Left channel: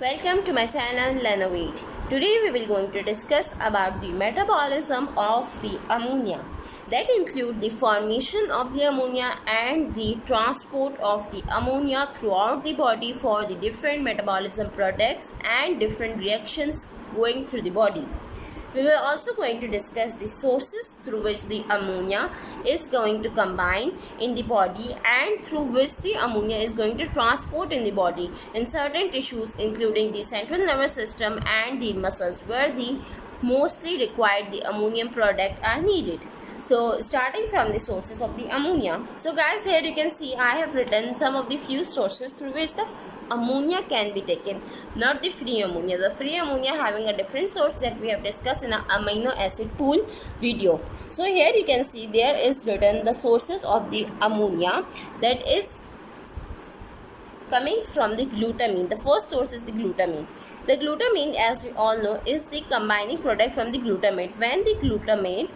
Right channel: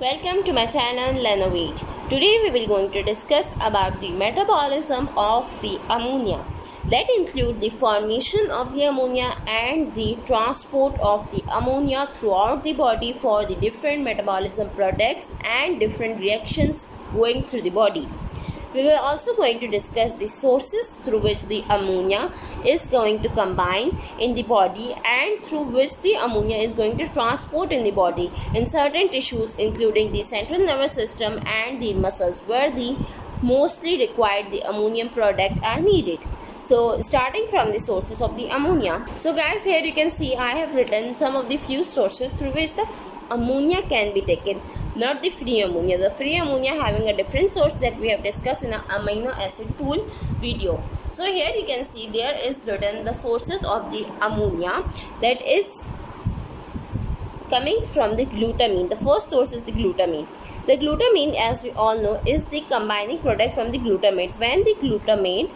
Welcome to my channel Lenovate. Today we will going to discuss about the metabolism of the ammonia. That include the formation of the ammonia and the transport of the ammonia throughout the body for the different metabolism products and different reactions going through the body. We were also going to discuss the sources through which the ammonia is going to combine in the body and through which the ammonia is going to transport in the body in certain tissues including the central nervous system and the muscles where the mostly required the ammonium product are needed. So starting from the sources of the ammonia. So guys, here you can see I have written some of the few sources through which the ammonia can be taken, not the free ammonia. The free ammonia having a different source that we have discussed in an amino acid pool video. So here you can see there is written the sources of the ammonia that is coming from the glutamine. The first source is the glutamine. The glutamine, as we all know, is the combining product from the glutamate. When the glutamate,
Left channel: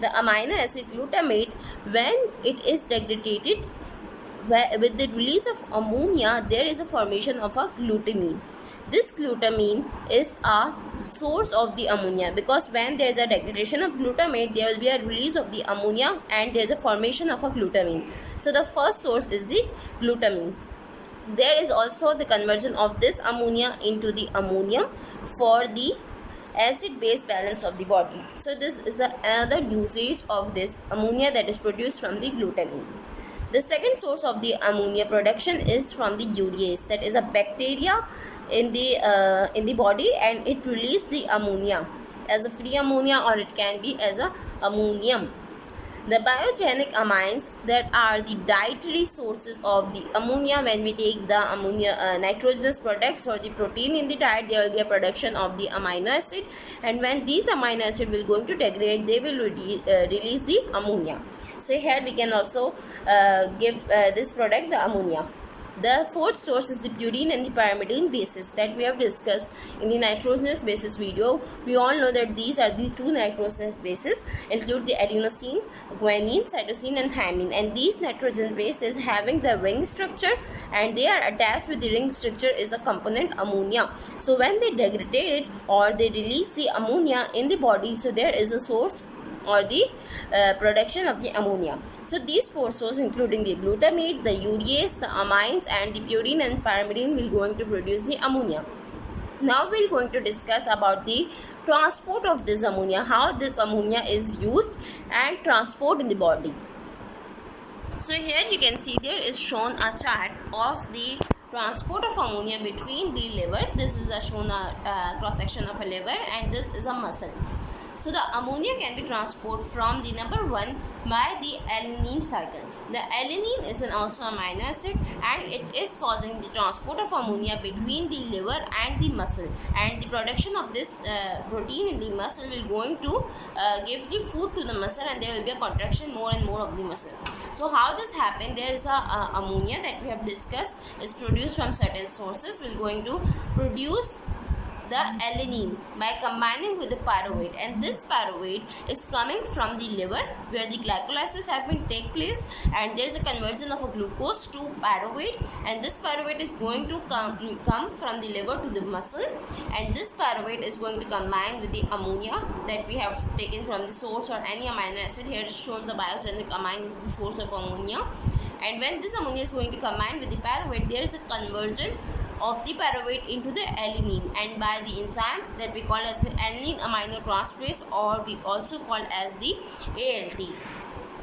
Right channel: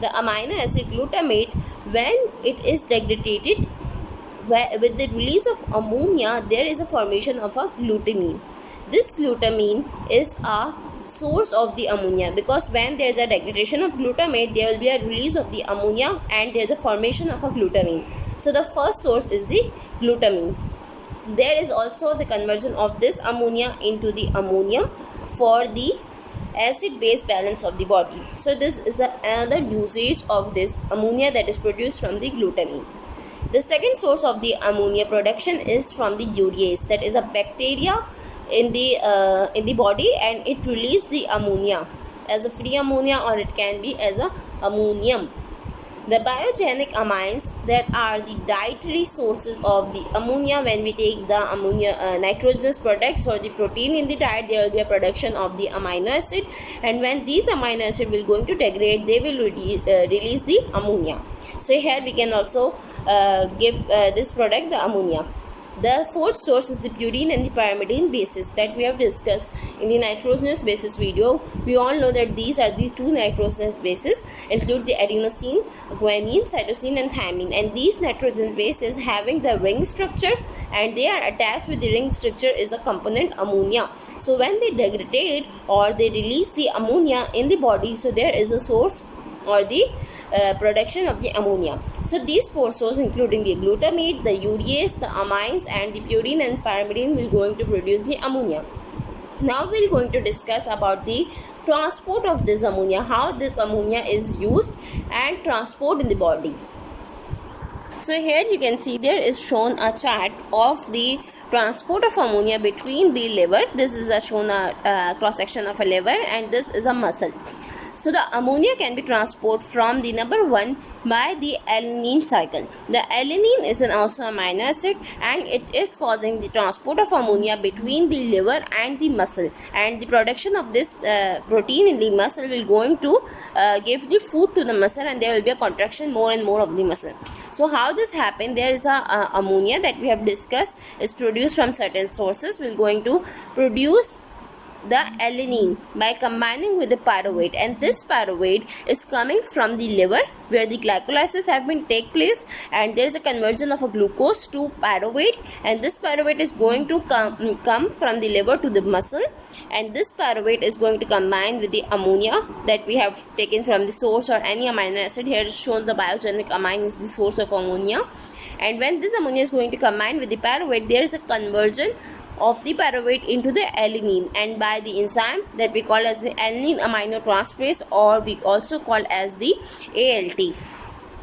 the amino acid glutamate, when it is degraded with the release of ammonia, there is a formation of a glutamine. This glutamine is a source of the ammonia because when there is a degradation of glutamate, there will be a release of the ammonia and there is a formation of a glutamine. So the first source is the glutamine. There is also the conversion of this ammonia into the ammonium for the acid-base balance of the body. So this is another usage of this ammonia that is produced from the glutamine. The second source of the ammonia production is from the urease, that is a bacteria in the body, and it releases the ammonia as a free ammonia or it can be as a ammonium. The biogenic amines that are the dietary sources of the ammonia. When we take the ammonia nitrogenous products or the protein in the diet, there will be a production of the amino acid, and when these amino acid will going to degrade, they will release the ammonia. So here we can also give this product the ammonia. The fourth source is the purine and the pyrimidine bases that we have discussed in the nitrogenous bases video. We all know that these are the two nitrogenous bases, include the adenosine, guanine, cytosine and thymine, and these nitrogen bases having the ring structure and they are attached with the ring structure is a component ammonia. So when they degrade or they release the ammonia in the body, so there is a source or the production of the ammonia. So these four sources including the glutamate, the urease, the amines and the purine and pyrimidine will going to produce the ammonia. Now we are going to discuss about the transport of this ammonia, how this ammonia is used and transport in the body. So here you can see there is shown a chart of the transport of ammonia between the liver. This is shown a cross section of a liver and this is a muscle. So the ammonia can be transported from the number 1 by the alanine cycle. The alanine is also amino acid and it is causing the transport of ammonia between the liver and the muscle, and the production of this protein in the muscle will going to give the food to the muscle and there will be a contraction more and more of the muscle. So how this happen? There is a ammonia that we have discussed is produced from certain sources. Will going to produce the alanine by combining with the pyruvate, and this pyruvate is coming from the liver where the glycolysis have been take place and there is a conversion of a glucose to pyruvate, and this pyruvate is going to come from the liver to the muscle, and this pyruvate is going to combine with the ammonia that we have taken from the source or any amino acid. Here is shown the biogenic amine is the source of ammonia, and when this ammonia is going to combine with the pyruvate, there is a conversion of the pyruvate into the alanine, and by the enzyme that we call as the alanine aminotransferase, or we also call as the ALT.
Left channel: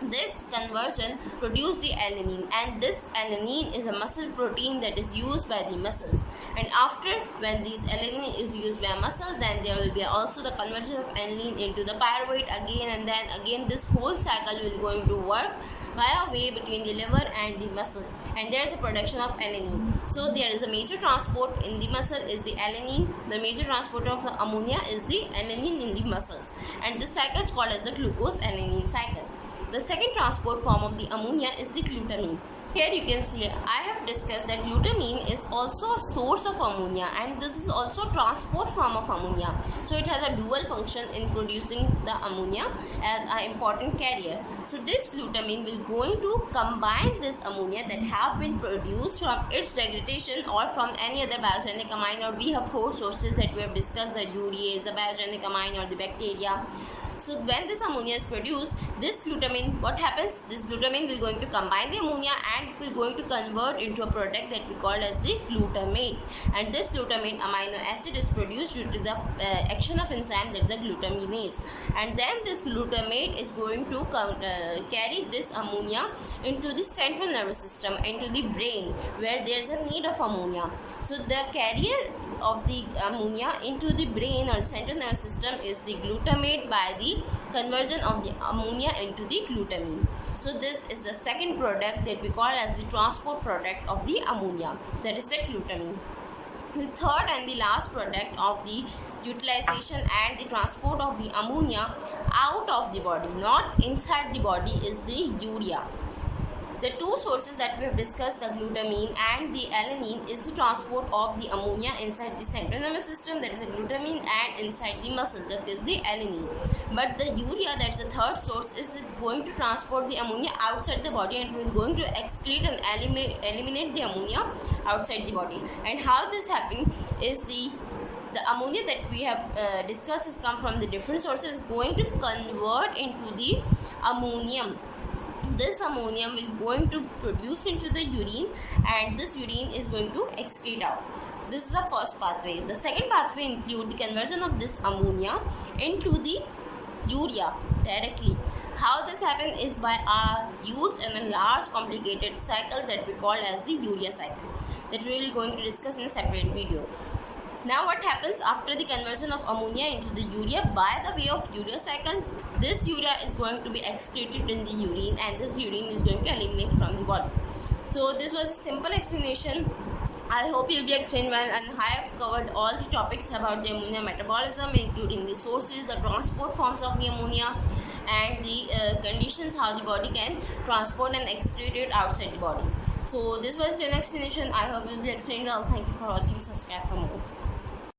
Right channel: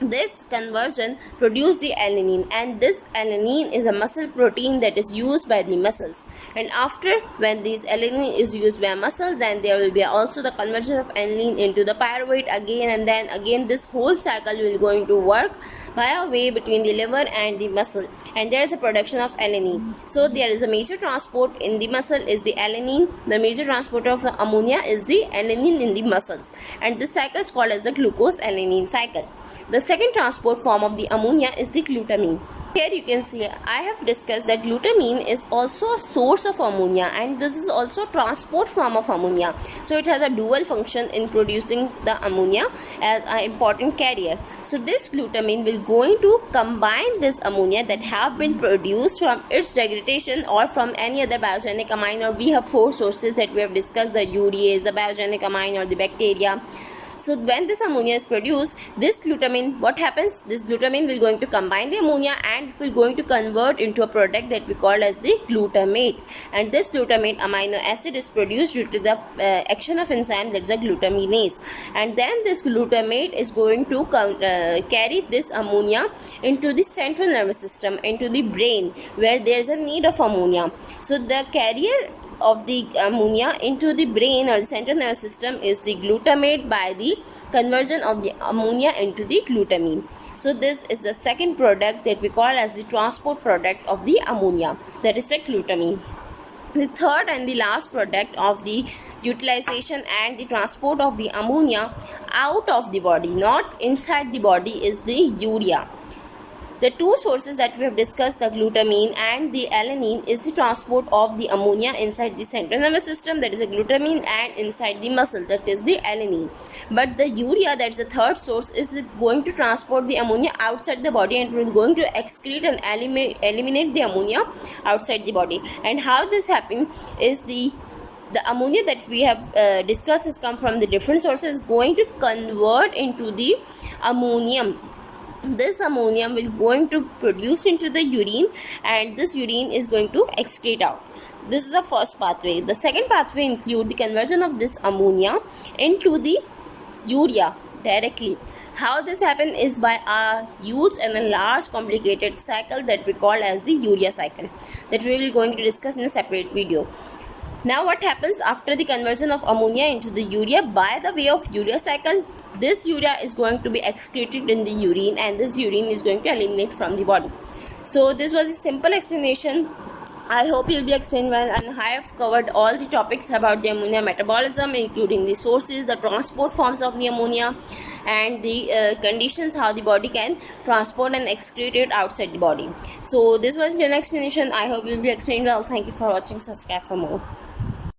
This conversion produces the alanine, and this alanine is a muscle protein that is used by the muscles, and after when this alanine is used by muscle, then there will be also the conversion of alanine into the pyruvate again, and then again this whole cycle will going to work by a way between the liver and the muscle, and there is a production of alanine. So there is a major transport in the muscle is the alanine. The major transporter of the ammonia is the alanine in the muscles, and this cycle is called as the glucose alanine cycle. The second transport form of the ammonia is the glutamine. Here you can see I have discussed that glutamine is also a source of ammonia, and this is also transport form of ammonia. So it has a dual function in producing the ammonia as an important carrier. So this glutamine will going to combine this ammonia that have been produced from its degradation or from any other biogenic amine, or we have four sources that we have discussed: the urease, the biogenic amine, or the bacteria. So when this ammonia is produced, this glutamine, what happens? This glutamine will going to combine the ammonia and will going to convert into a product that we call as the glutamate. And this glutamate amino acid is produced due to the action of enzyme, that's a glutaminase. And then this glutamate is going to carry this ammonia into the central nervous system, into the brain, where there is a need of ammonia. So the carrier of the ammonia into the brain or the central nervous system is the glutamate by the conversion of the ammonia into the glutamine. So this is the second product that we call as the transport product of the ammonia, that is the glutamine. The third and the last product of the utilization and the transport of the ammonia out of the body, not inside the body, is the urea. The two sources that we have discussed, the glutamine and the alanine, is the transport of the ammonia inside the central nervous system, that is a glutamine, and inside the muscle, that is the alanine. But the urea, that is the third source, is going to transport the ammonia outside the body and will going to excrete and eliminate the ammonia outside the body. And how this happens is the ammonia that we have discussed has come from the different sources, going to convert into the ammonium. This ammonium will going to produce into the urine, and this urine is going to excrete out. This is the first pathway. The second pathway include the conversion of this ammonia into the urea directly. How this happens is by a huge and a large complicated cycle that we call as the urea cycle, that we will going to discuss in a separate video. Now what happens after the conversion of ammonia into the urea by the way of urea cycle? This urea is going to be excreted in the urine, and this urine is going to eliminate from the body. So this was a simple explanation. I hope you'll be explained well, and I have covered all the topics about the ammonia metabolism, including the sources, the transport forms of the ammonia, and the conditions how the body can transport and excrete it outside the body. So this was an explanation. I hope you'll be explained well. Thank you for watching. Subscribe for more.